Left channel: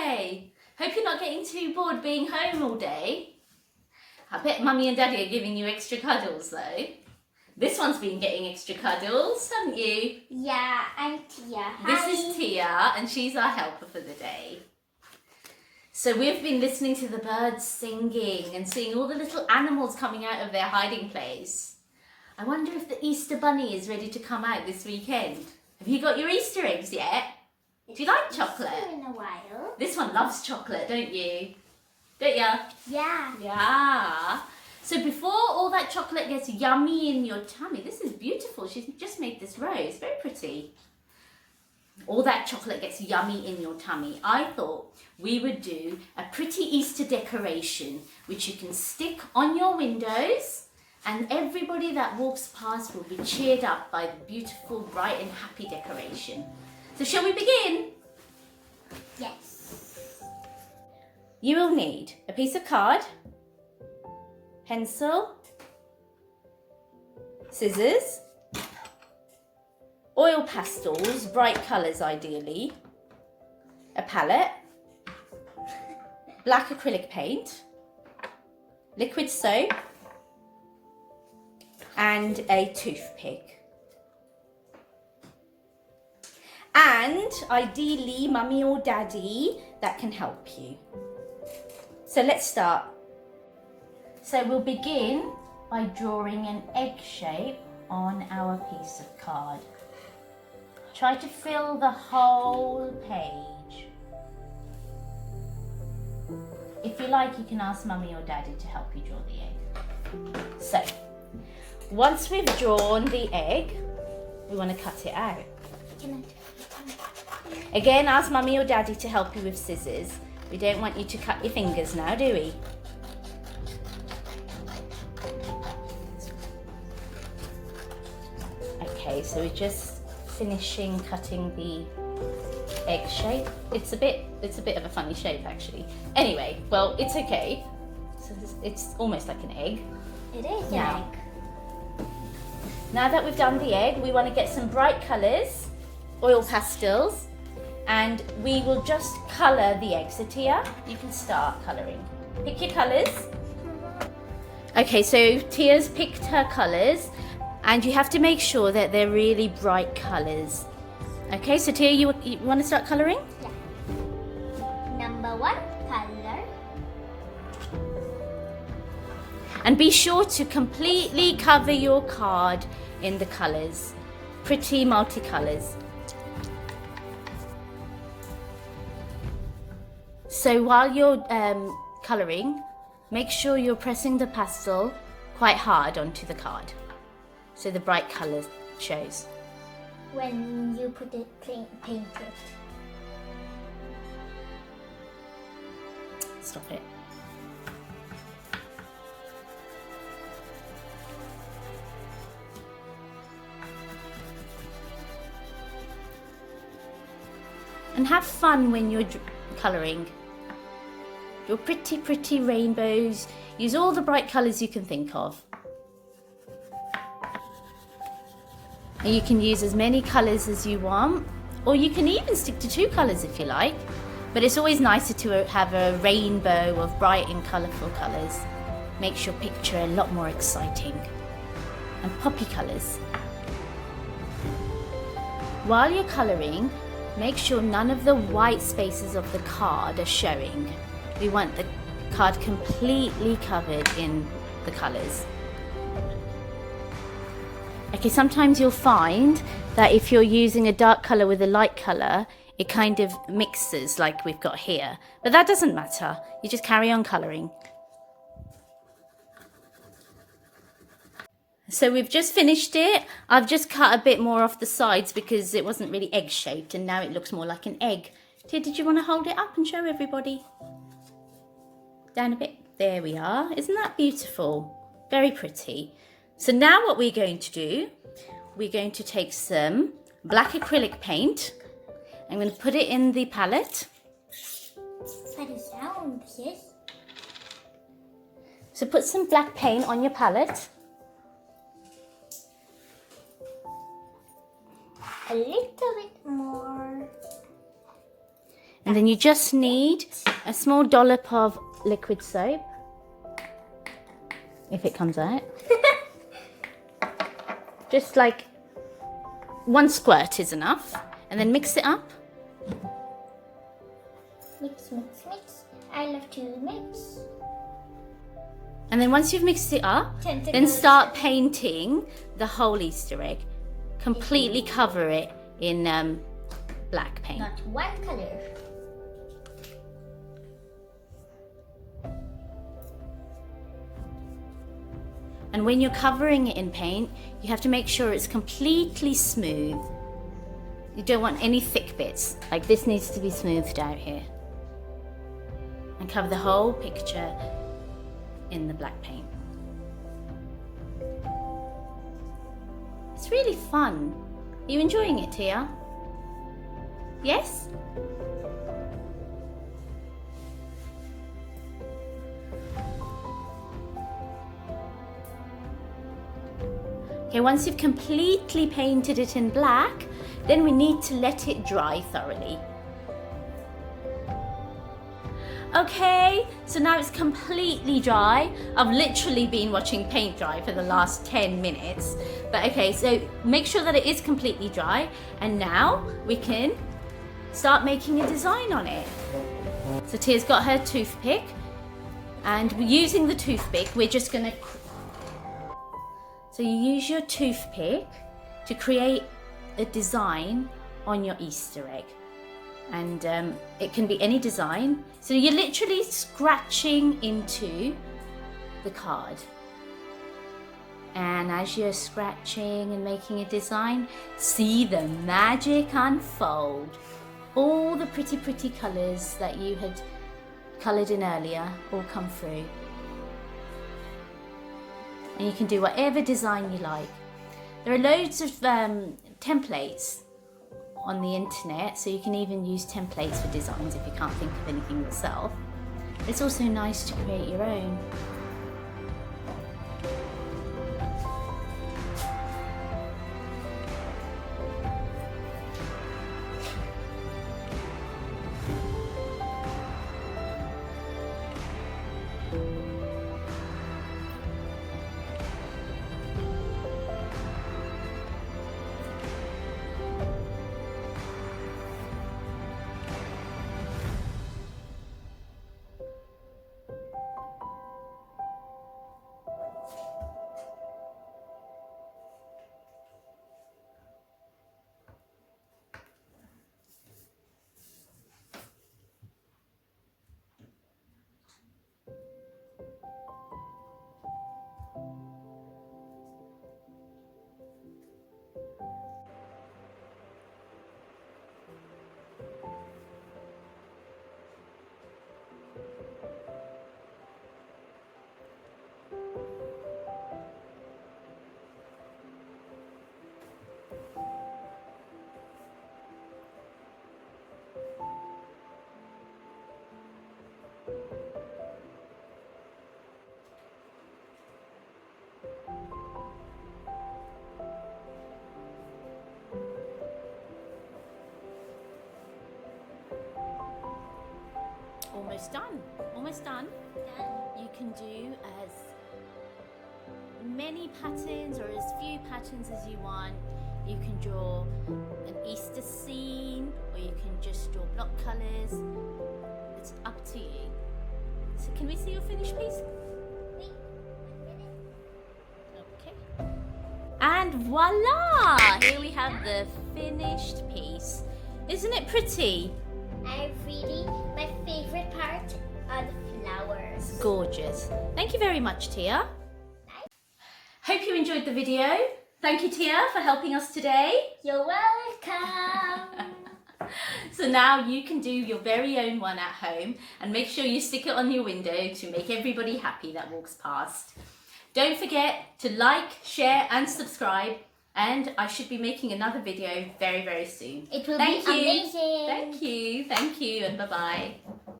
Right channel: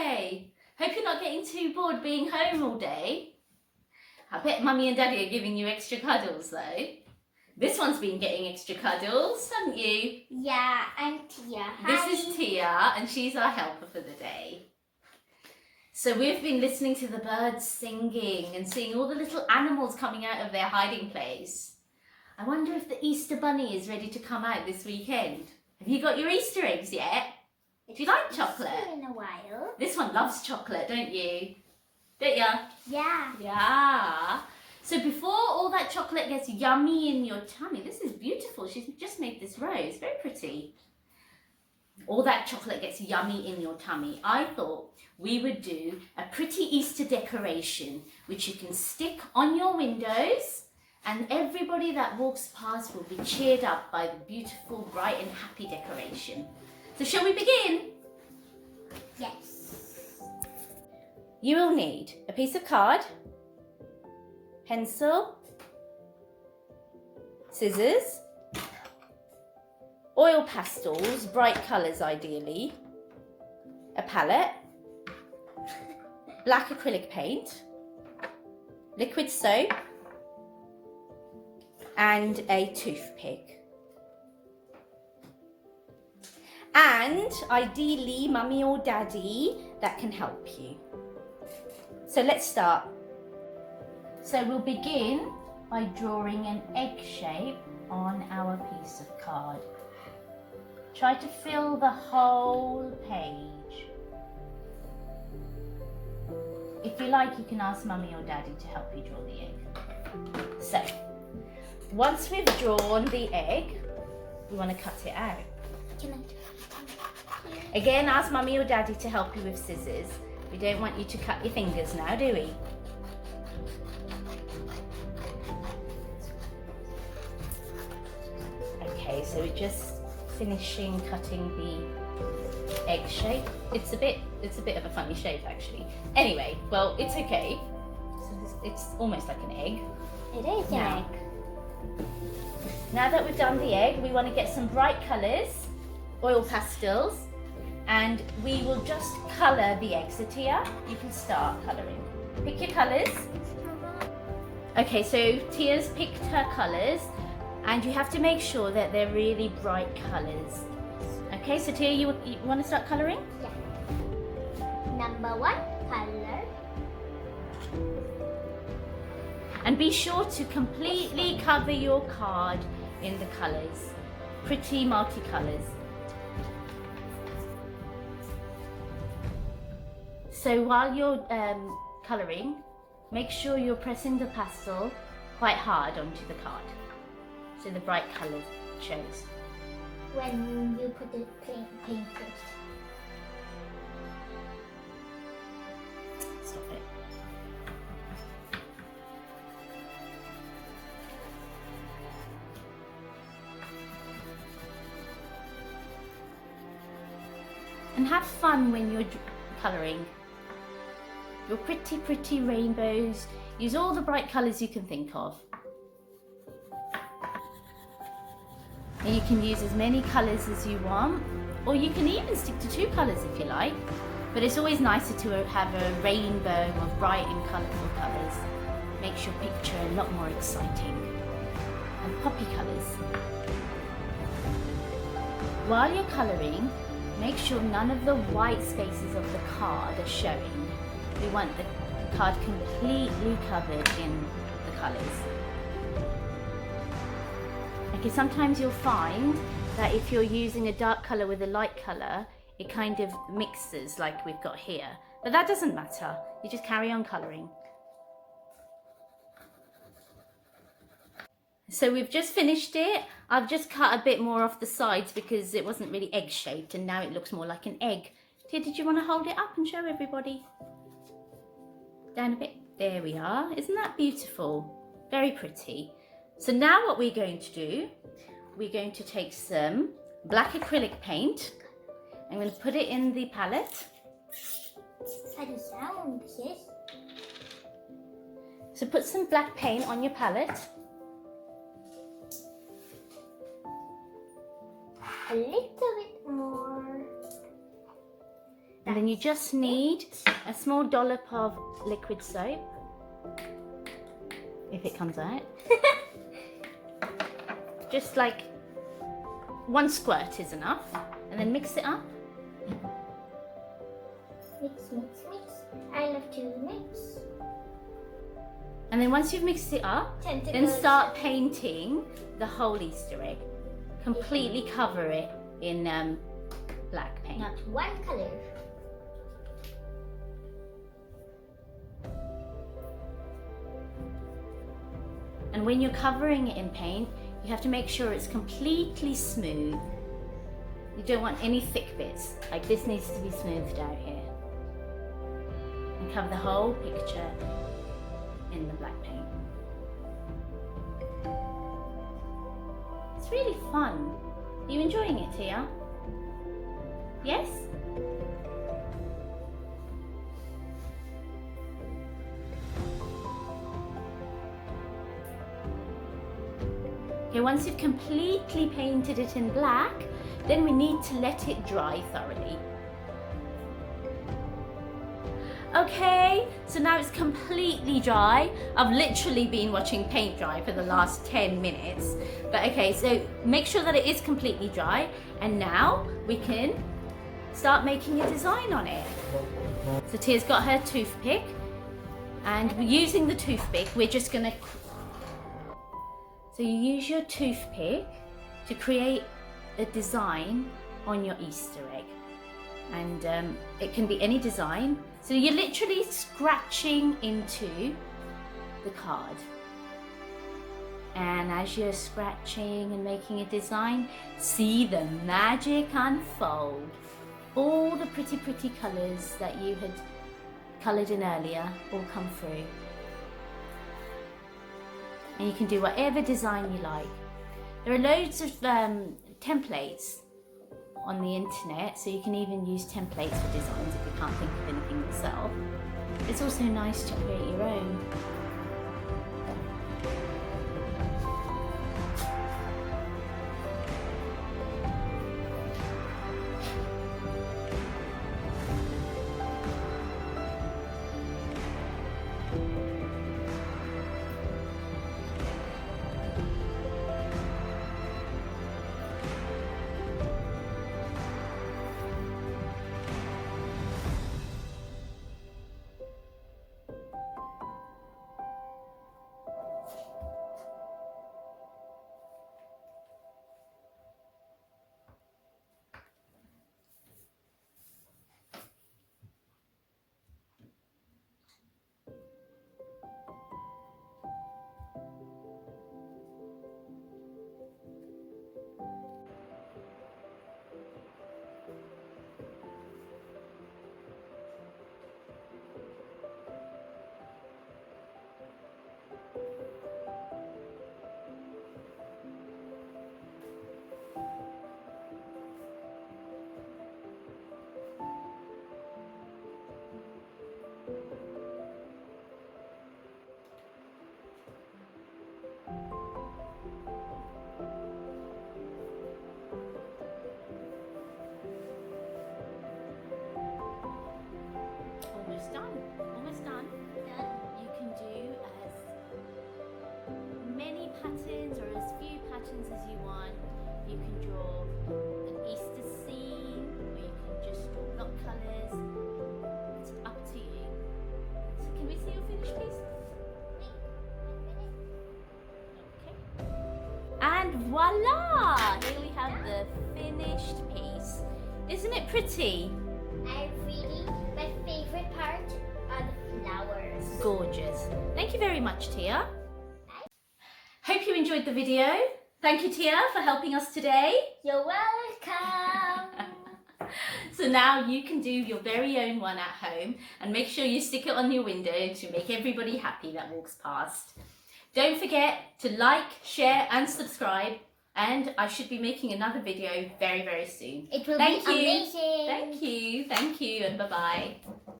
day. Hope you're not getting too bored being home all day. I bet Mummy and Daddy are giving you extra cuddles though. This one's been getting extra cuddles, haven't you? Yeah, I'm Tia. This is Tia and she's our helper for the day. So we've been listening to the birds singing and seeing all the little animals coming out of their hiding place. I wonder if the Easter Bunny is ready to come out this weekend. Have you got your Easter eggs yet? Do you like chocolate? In a while. This one loves chocolate, don't you? Don't ya? Yeah. Yeah. So before all that chocolate gets yummy in your tummy, this is beautiful. She's just made this rose, very pretty. All that chocolate gets yummy in your tummy. I thought we would do a pretty Easter decoration, which you can stick on your windows, and everybody that walks past will be cheered up by the beautiful, bright and happy decoration. So shall we begin? Yes. You will need a piece of card, pencil, scissors, oil pastels, bright colours ideally, a palette, black acrylic paint, liquid soap, and a toothpick. And ideally, Mummy or Daddy that can help you. So let's start. So we'll begin by drawing an egg shape on our piece of card. Try to fill the whole page. If you like, you can ask Mummy or Daddy to help you draw the egg. So, once we've drawn the egg, we want to cut it out. Again, ask Mummy or Daddy to help you with scissors. We don't want you to cut your fingers now, do we? Okay, so we're just finishing cutting the egg shape. It's a bit of a funny shape actually. Anyway, well, it's okay. So it's almost like an egg. It is an egg. Now that we've done the egg, we want to get some bright colours, oil pastels, and we will just colour the egg. So Tia, you can start colouring. Pick your colours. Okay, so Tia's picked her colours, and you have to make sure that they're really bright colours. Okay, so Tia, you want to start colouring? Yeah. Number 1, colour. And be sure to completely cover your card in the colours. Pretty multicolours. So while you're colouring, make sure you're pressing the pastel quite hard onto the card, so the bright colour shows. When you put it paint it. Stop it. And have fun when you're colouring. Your pretty rainbows. Use all the bright colours you can think of. And you can use as many colours as you want, or you can even stick to 2 colours if you like. But it's always nicer to have a rainbow of bright and colourful colours. Makes your picture a lot more exciting. And poppy colours. While you're colouring, make sure none of the white spaces of the card are showing. We want the card completely covered in the colours. Okay, sometimes you'll find that if you're using a dark colour with a light colour, it kind of mixes like we've got here. But that doesn't matter. You just carry on colouring. So we've just finished it. I've just cut a bit more off the sides because it wasn't really egg shaped and now it looks more like an egg. Tia, did you want to hold it up and show everybody? Down a bit. There we are. Isn't that beautiful? Very pretty. So now what we're going to do, we're going to take some black acrylic paint. I'm going to put it in the palette. Funny sound, yes. So put some black paint on your palette. A little bit more. And then you just need a small dollop of liquid soap, if it comes out. Just like 1 squirt is enough. And then mix it up. Mix, mix, mix. I love to mix. And then once you've mixed it up, Tentacles. then start painting the whole Easter egg. Completely cover it in black paint. Not one color. And when you're covering it in paint, you have to make sure it's completely smooth. You don't want any thick bits. Like this needs to be smoothed out here. And cover the whole picture in the black paint. It's really fun. Are you enjoying it, Tia? Yes? Okay, once you've completely painted it in black, then we need to let it dry thoroughly. Okay, so now it's completely dry. I've literally been watching paint dry for the last 10 minutes. But okay, so make sure that it is completely dry. And now we can start making a design on it. So Tia's got her toothpick. And using the toothpick, we're just gonna... So you use your toothpick to create a design on your Easter egg. And it can be any design. So you're literally scratching into the card. And as you're scratching and making a design, see the magic unfold. All the pretty, pretty colours that you had coloured in earlier all come through. And you can do whatever design you like. There are loads of templates on the internet, so you can even use templates for designs if you can't think of anything yourself. It's also nice to create your own. Almost done. Almost done. You can do as many patterns or as few patterns as you want. You can draw an Easter scene, or you can just draw block colours. It's up to you. So can we see your finished piece? Okay. And voila! Here we have the finished piece. Isn't it pretty? My favorite part are the flowers. Gorgeous. Thank you very much, Tia. Hope you enjoyed the video. Thank you, Tia, for helping us today. You're welcome. So now you can do your very own one at home, and make sure you stick it on your window to make everybody happy that walks past. Don't forget to like, share and subscribe, and I should be making another video very, very soon. It will be amazing. Thank you, and bye-bye.